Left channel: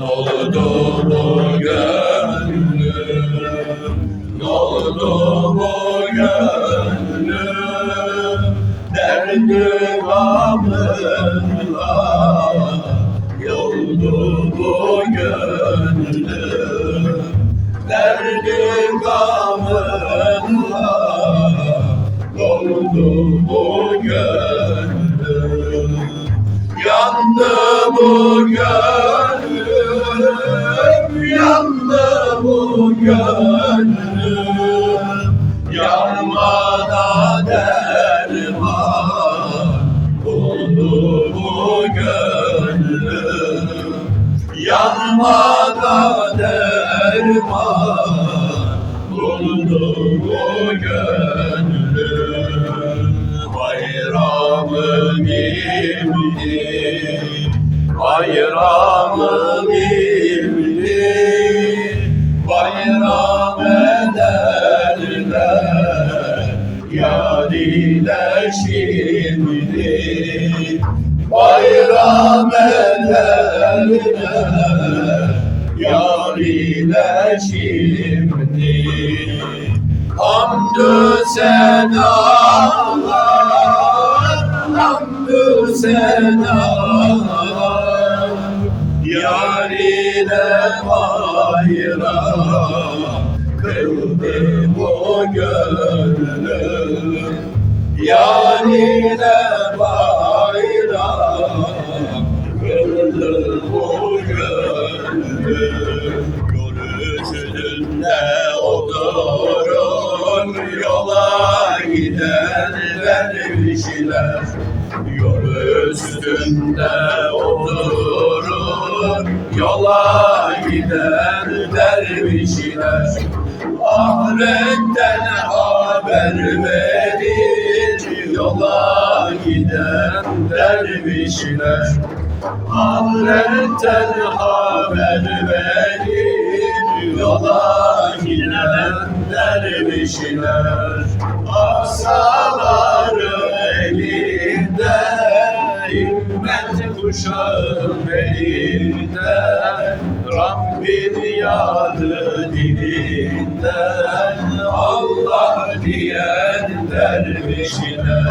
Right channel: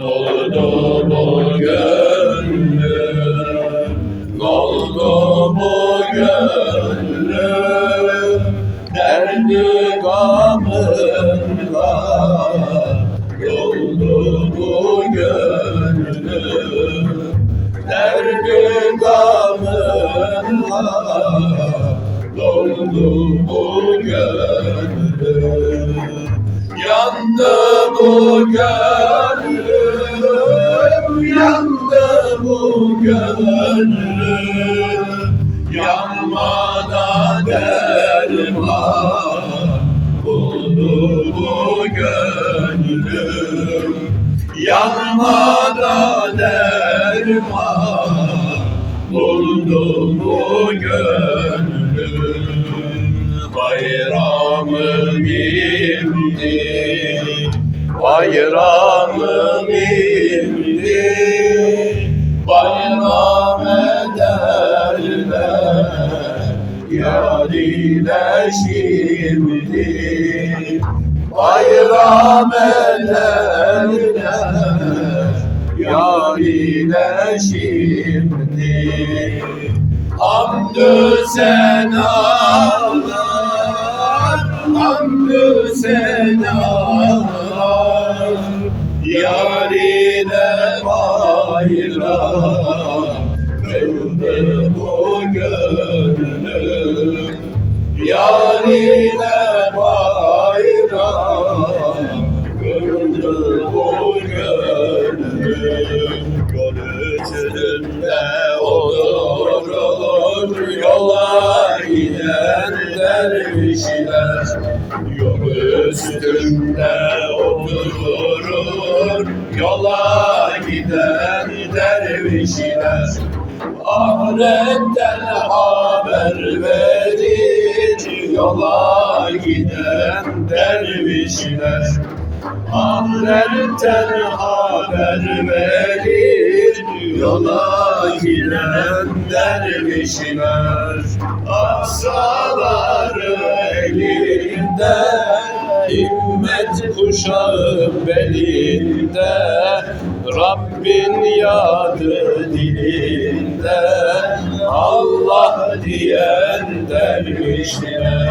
Doldu bu gönlüm, doldu bu gönlüm, derdi gamınla yoldu bu gönlüm, derdi gamınla doldu bu gönlüm, yandı bu gönlüm, gönlüm, yanmada derman buldu bu gönlüm, yanmada derman buldu bu gönlüm, bayramım imdi, bayramım şimdi, bayram ederler, yar ile şimdi. Hamdü senalar, hamdü senalar, yar ile bayram, kıldı bu gönlüm, yar ile bayram, kıldı bu gönlüm, yol oturur, yola giden dervişler, yol üstünde oturur, yola giden dervişler, ahiretten haber verir, yola giden dervişler. Ahiretten haber verir Yola giden dervişler Asaları elinde Himmet kuşağı belinde Rabbin yadı dilinde Allah diyen dervişler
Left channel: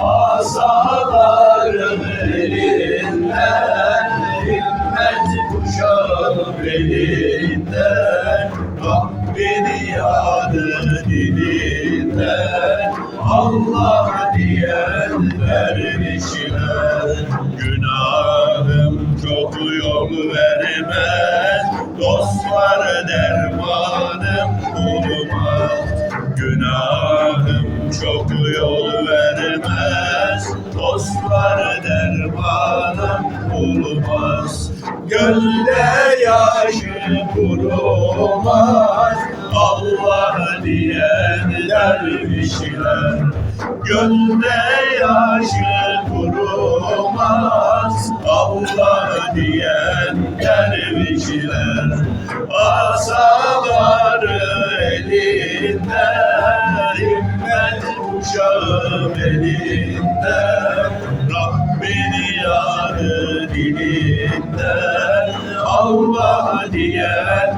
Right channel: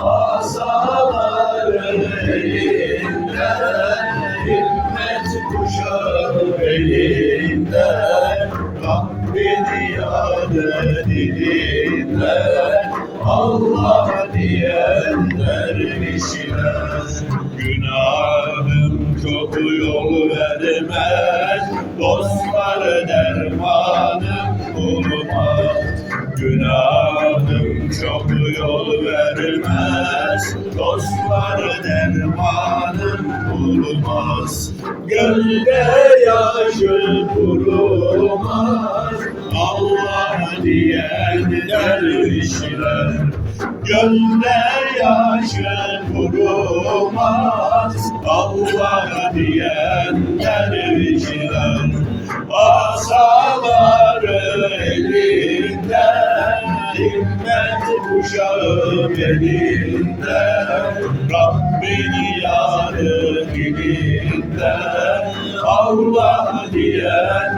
Asaların elinden Himmet kuşağı belinden Rabbin yadı dilinden Allah diyen dervişler Günahım çok yol vermez vermez Dostlar dermanım bulmaz Gölde yaşı kurumaz Allah diyen dervişler. Gölde yaşı kurumaz Allah diyen dervişler. Asaları elinden Himmet kuşağı elinden Rabbin yadı dilinden Allah diyen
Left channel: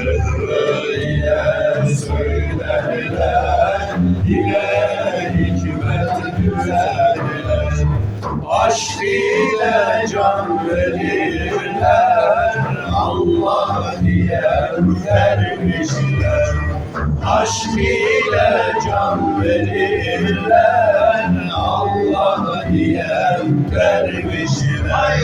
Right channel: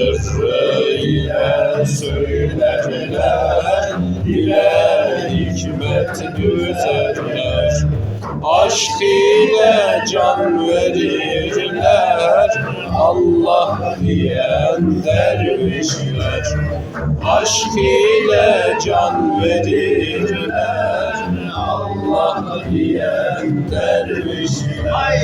Sırrı ile söylerler, dile hikmet. Aşk ile can verirler, Allah diyen dervişler Aşk ile can verirler Allah diyen dervişler